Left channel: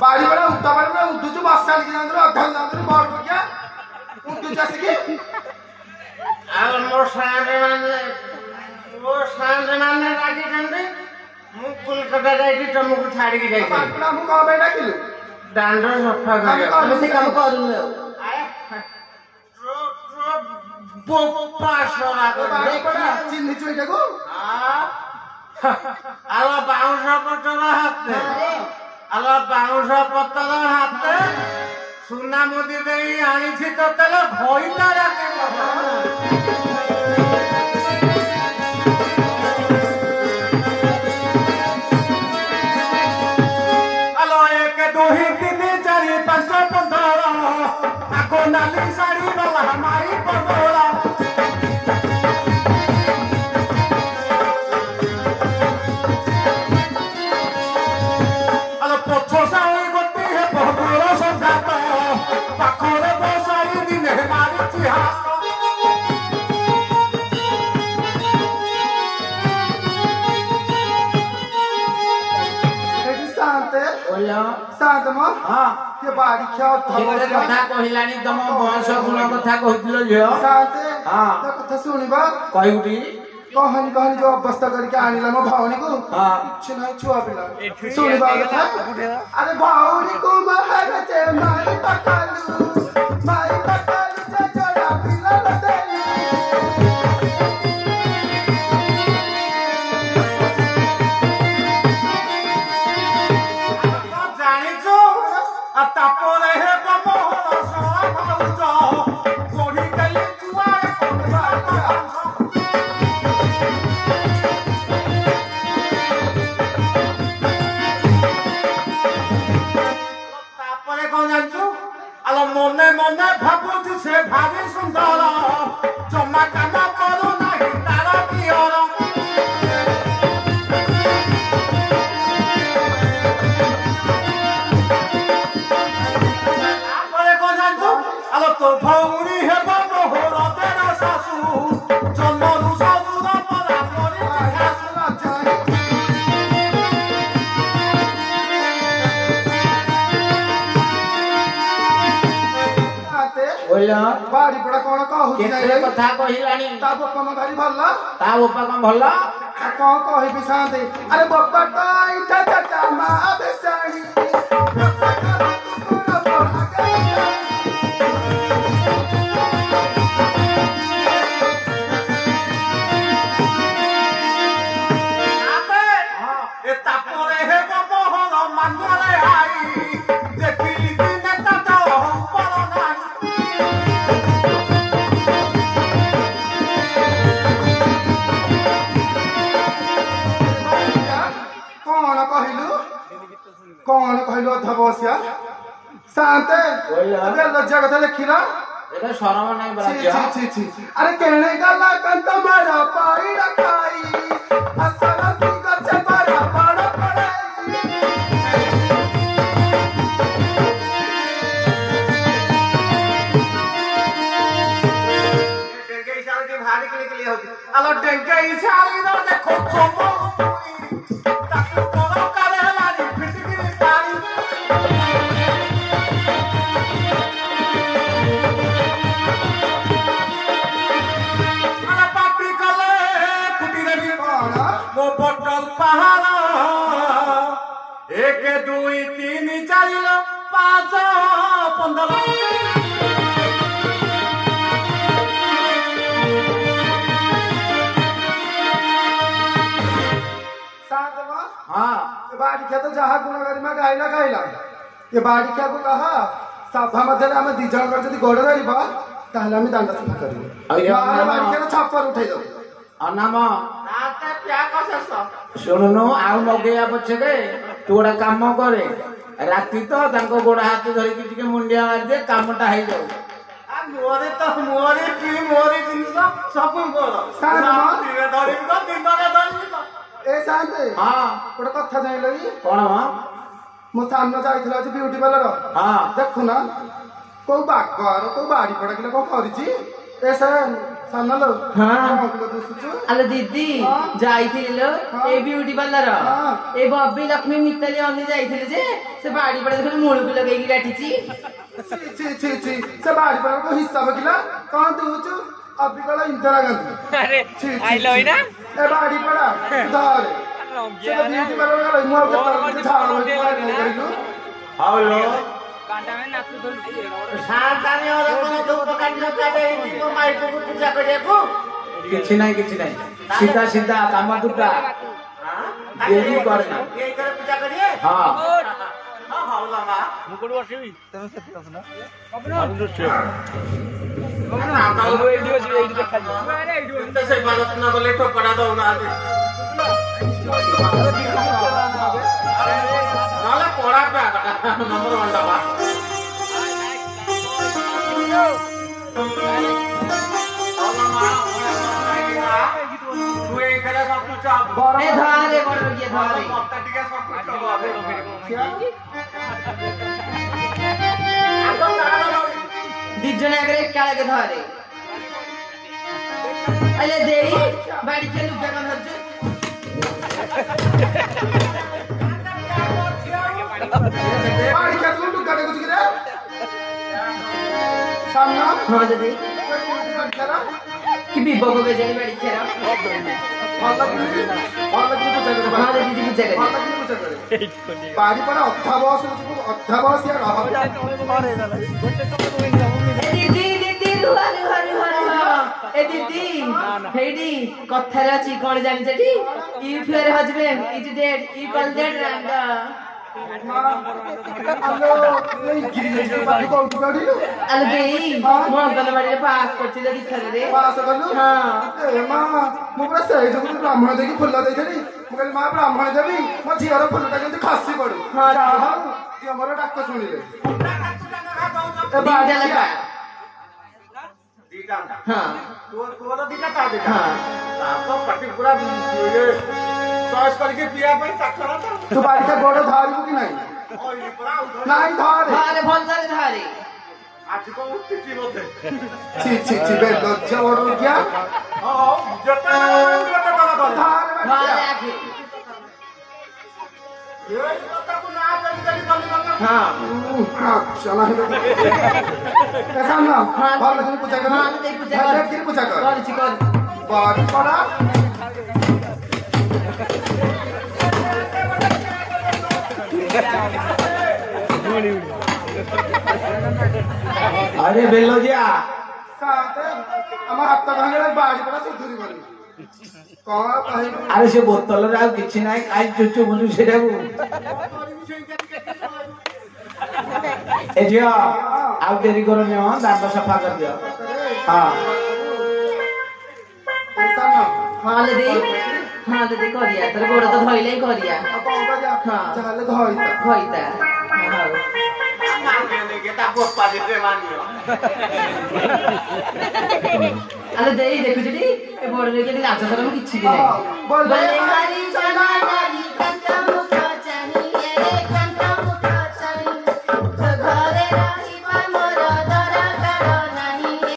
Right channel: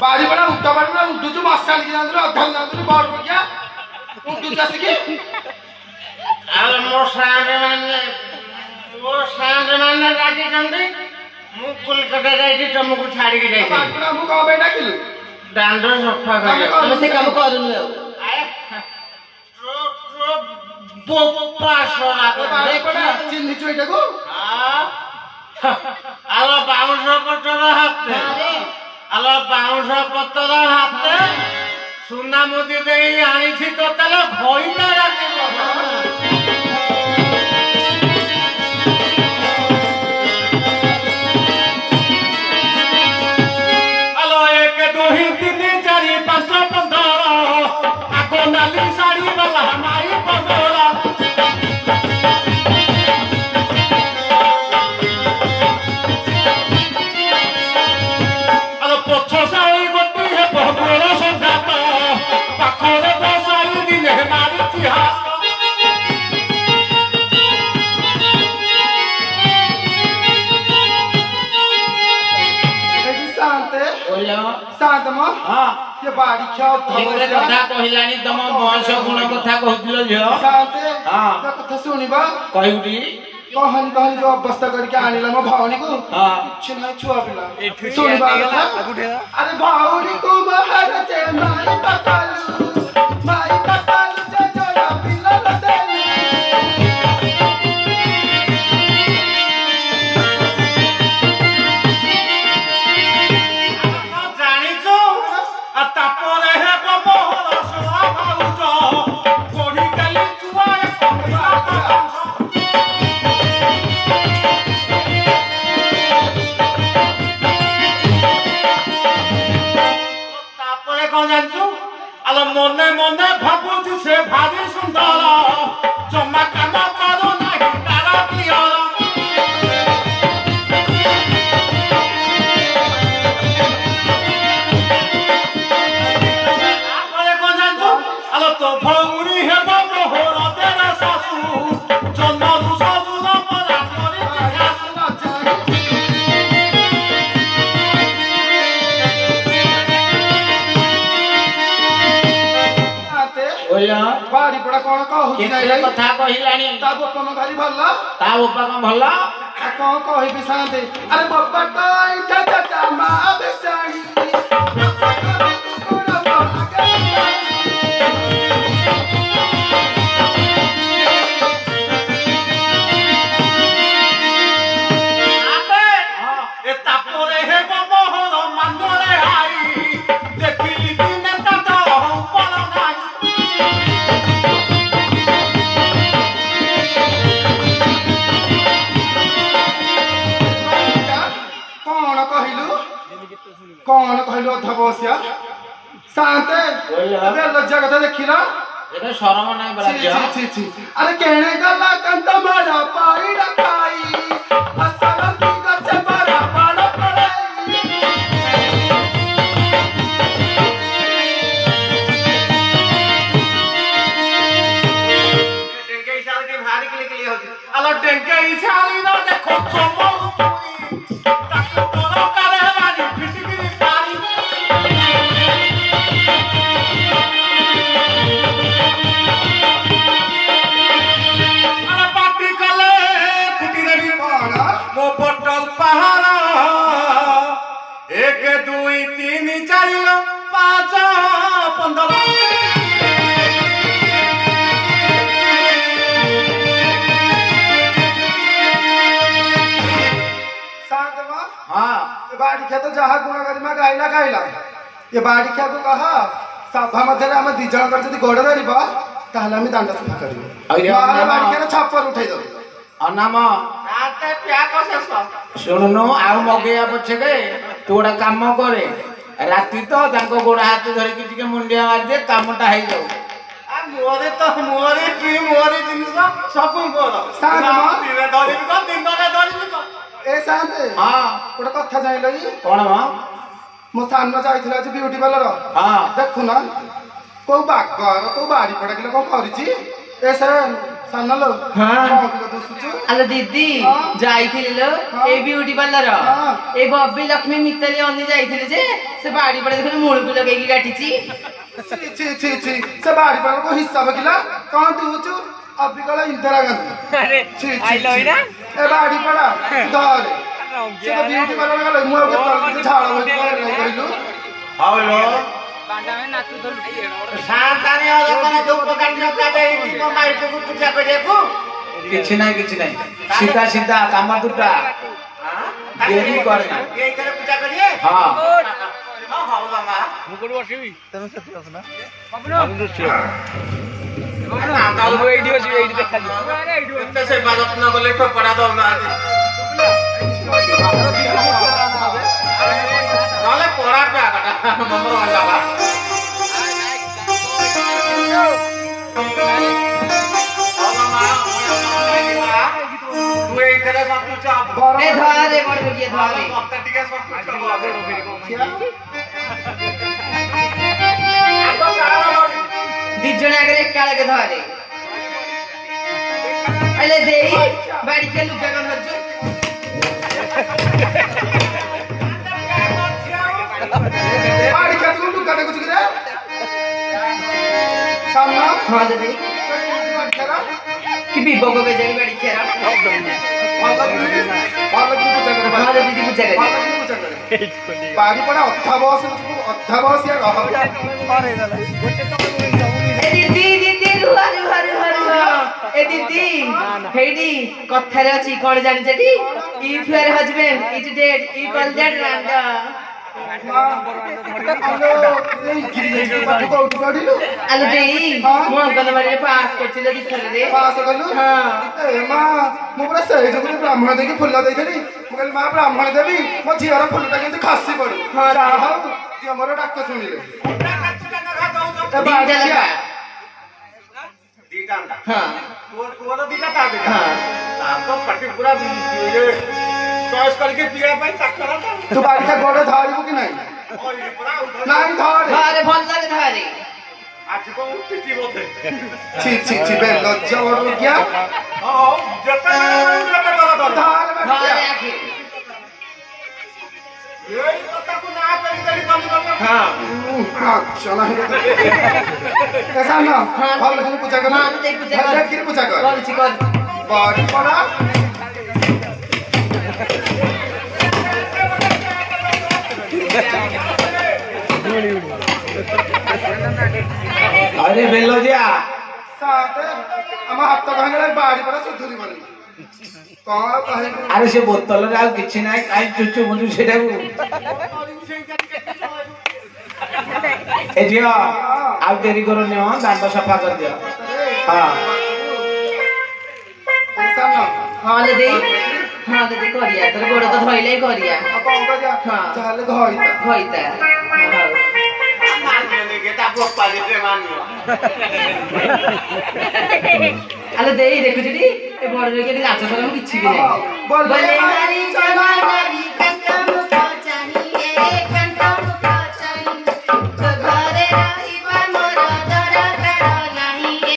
बाड़ी बड़ा उठा बाड़ी बड़ा उठू जो मसाल की जानते अधल जानते बाड़ पर क्या उठू जैसे कि अब वो सांड माने राजी जंदी मु कोलकाता जाई तमको छाड़ी के जाई अपना मु का बेटा किलो डांडर सफा कर से काम करूनी बोपा सोना को देखा चिन्ह चुईटा को हां आलो बाउंस पत्तर हाथे आलो बाउंस पत्तर हाथे सुना मुदी देई आनी छी तो तले घोइता राखी ये बाड़ी क्या कथा कहलानी तुम बयस गुण कथा कहथिलो झियो शांते हां तो कथा सुनिबा कहउटी कहन कहन जो अवस्था करके आनिला मो भावनी को हां कुछ नहीं छुआ पिला सुनिबा अरे भावनी को बाहर से माई पतालू से जरा पिला लदेली तापरे हे बबोर सोआ भाउज कोड़ी कली जुआर तापरे कोन जानछु आलो मने मने भाबुची से भारी सुंदर जमा काम करू नाही तारा पियर तो भौरी हे बाबो हो तेरा सासू जन्म दुसू न परा करे आते ओया बाड़ी पड़ा कोन कहू केते कथा कहिलानी ता बप्पा म भारी भल्ला ता बप्पा कम भल्ला कौन कहि बिसांते अरे बप्पा काई चाचा मा बेसाई कौन कहलो धबसिया शांते अबे लज्जा कथा देखिला एटा शरम नाही बराज्य छी अरे कहने गला कंत मारा पाई रखाई असल तू गचे बड़ा बड़ा पड़ाई डेंगे इशारे के भारी के लिए होती अलो डेंगे इशारे न देखो चमो ताको तोरो करे हलानी फिटकिरी पारी अरे पापी कले कुटीरी पाड़ा वो पटल पहाड़ा 1 2 3 4 5 15 बाड़ी खे तो जहा गुणगारी में गाइला गाइला ये बाड़ी खे को कहा सभा मध्य हम दी जन कर जदी गोड़ धरिबा ताहले हम दांड सफा करिबो मारे बाड़ी खे छापर उठाई दो अनाम आते प्या कसेस सुननु आ मगेया पछे तोड़ा काम करे राती तो तांको गोड़ हाथ धरि कि टिके मुंडिया मार दे कामटा हेई जाऊ आ मोरे तो मोरे की मोरे जिनिस सब करो साथ में धरि को दिन धरि को ए शांते हां गोटे कथा जाइलो ई कोन मा मो सामने जाइथिला जे ब्यूटी पार्लर हां देखु ना को बागर को बाड़ी पड़ा किलो को करिछि ए से साना लो आलो दीदी जाइथिले लो ए ब्यूटी पार्लर ए बब्बी लक्ष्मी मित्तली अन्नी जाइथिले जे से बाड़ी पड़े देखो मूल को लगेगी काटिची छी से बाड़ी पर को हिस्सा बकिला कौन तू छु अभी कला इंदिरा गांधी अरे छी ए बाड़ी पड़ा धर से तो ब्यूटी पार्लर गले मुआ के तल झाड़ा होई कइलु हालो बांडा में नाचू धर शांतानी होला कोन धूप काटी न काटे को माई को पूजा करियाको किछि नाही सीधा सीधा काम दुटा देरी करना ये करे पूजा करिए हां हां हां मामा मुकुड़ बसिबी तुम सत्य असना बाबू बाबू एडी बसिबी एडी देखा एते से बाजत न गले पड़ा दो ना नाले कोड़ा पे आटा नंबर 1 दबा ए धारे बड़ लगिए धारे दिजण अगरे काळे के धारे अले देई बाड़ी के लुगा कर लज बाड़ी के लुगा कर कुछ करे सामना हां दे कि भी बगो के जाई बाड़ी खेरा वाला की पूजा करे हमारे दीदी पूजा करे बाड़ी पड़ा अध्यावास या रहा ए दीदी रुहा ए दीदी हेडी कथारे अछि कोन जानि छटी if your husband is dead you call that रैंडा हेलो ये गिरी बात को उठाड़ी आलो देई मो अंगनवाड़ी रे पास करथिले दिखले रे पास करलु हां ए मां मो पूरा सही जो ब्राह्मण देकी फुल देइथली मो कहली मां ब्राह्मण देबी मो झियर फुलटा केंति खासी पड़ू हां राहु ती हमरो डाक सुनिले ए बाड़ी लगा दीटा हां तोर दीटा पा दे हां तो पट्टी पूरा ये चॉइस करके पिया भाई तखरा तू बाड़ी का गोड़ धारिबो कि नहीं नहीं धारे भल लगे धारे आज को उठती बोते छी बे लज्जा और क्या हां जता धारे आखिर ये तो को ना करी काम करना हां चला है ऐसा ना भल लगे पूजा कर हां ते पूजा कर पूजा कर कर बाड़ी पड़ा अरे बेलोजिया साथे हम हाथ भांगले बाड़ी पड़ा सुधुरी बनी कौन कहे अरे से बोतल रे आ किछि नाही काई चुचु मुचु सेटा को ए जिया आ देरी करो ने दांत सफा कर दिया हां ऐसा ना हां ले दे करिया तर गोड़ तो धइले करिया अब कौन करिया हां चले धइता आलो देई देखु जदी ए बड़ रे के नाच सर किछि भी नै बोले मारी